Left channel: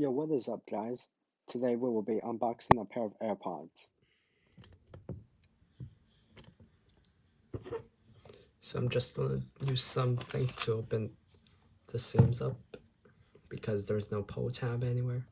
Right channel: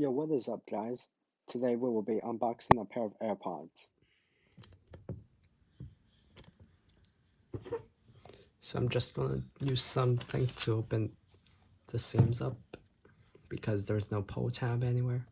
Yo, what is up, guys? Today we will be unboxing a pair of AirPods. So I'm just gonna use something to open the seams up because there's no pull tab anywhere.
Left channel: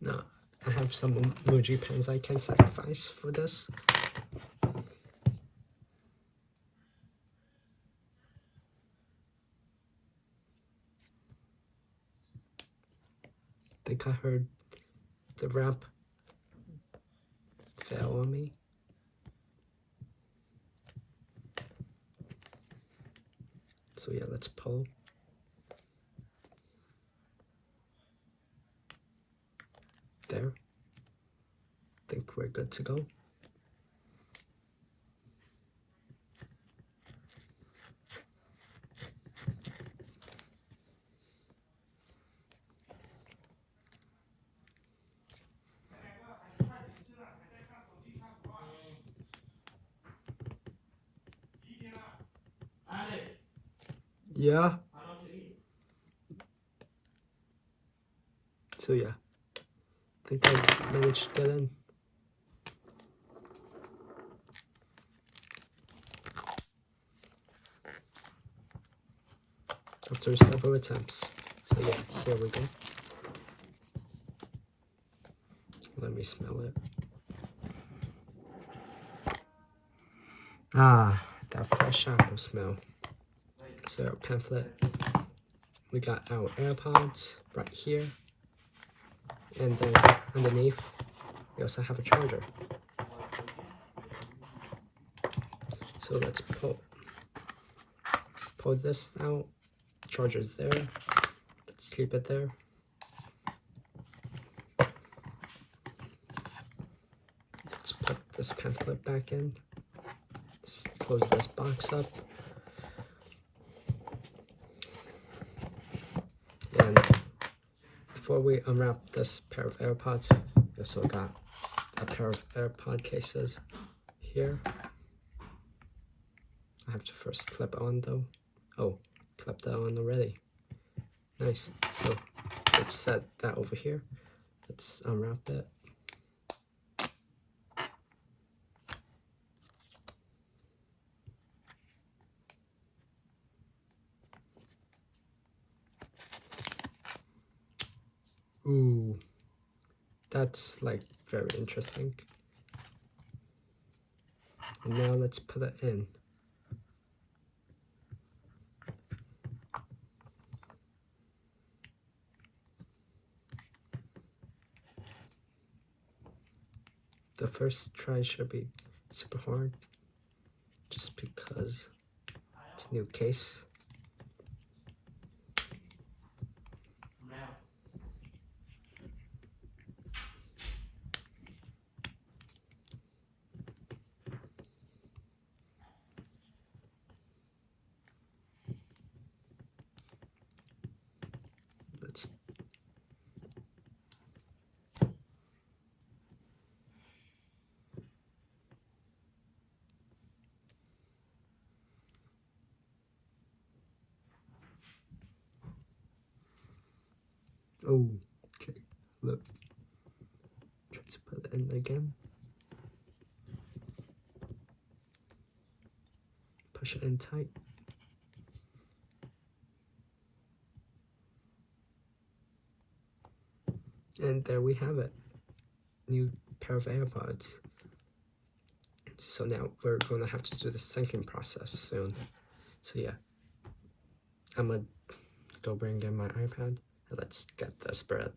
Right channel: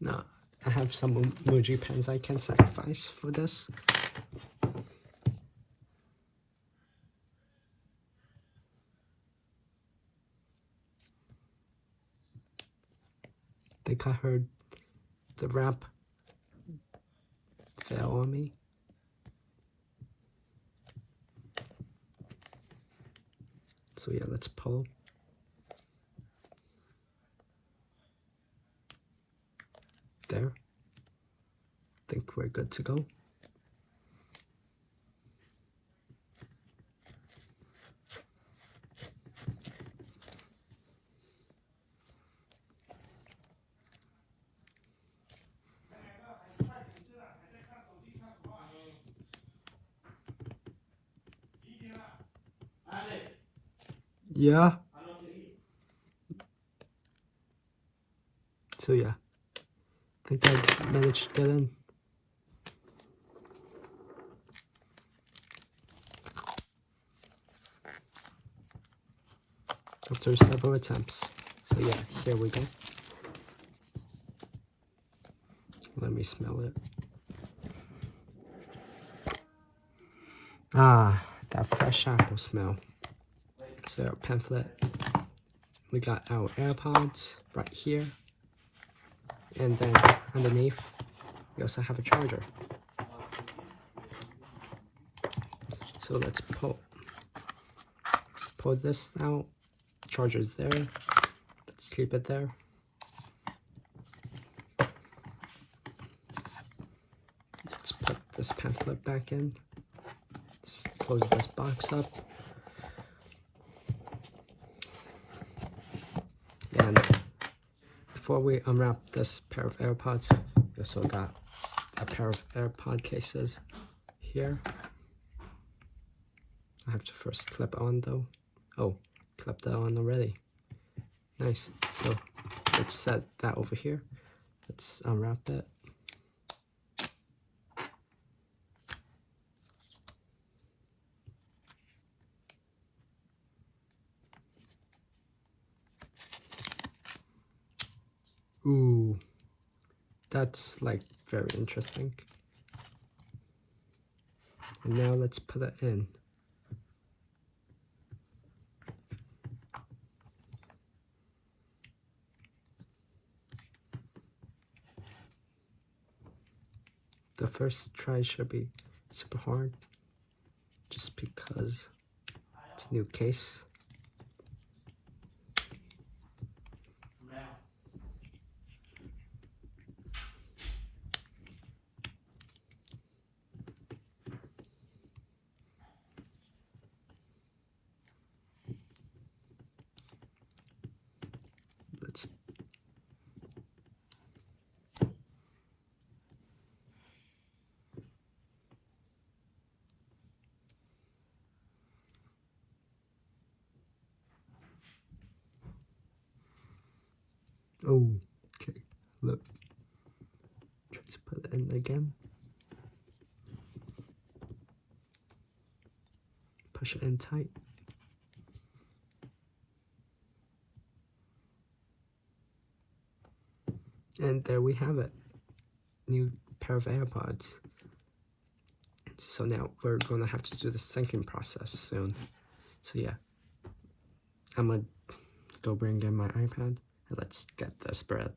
Now, I have some emoji pens I can sacrifice for this. I think I heard the wrap fell on me. So yeah, let's pull. There. I think we're good to go. Yeah. So yeah, I think I managed to get in. After several attempts. So yeah, here we go. Let me smell it. Ah, that fresh apple smell. So our pamphlet. We got our AirPods right here. And then underneath, we also have a charger. So let's pull this out. The charger's there. Let's keep it there. Let's put this pamphlet back in. Let's close this box up. And before we unwrap this pair of AirPods, we also got a pair of AirPod cases here. I have to first clip on though. Oh, clipped that on already. Nice. So let's set that over here. Let's unwrap it. Ooh, that's like very interesting. And now let's put it in. The first try should be super hard, just because it's a new case. Let's Oh, okay, look. Let's put it in again. Push it in tight. And there we have it. New pair of AirPods. So now we're gonna have to do the second process soon. So yeah, I'm gonna go bring in my iPad and let's get this bread.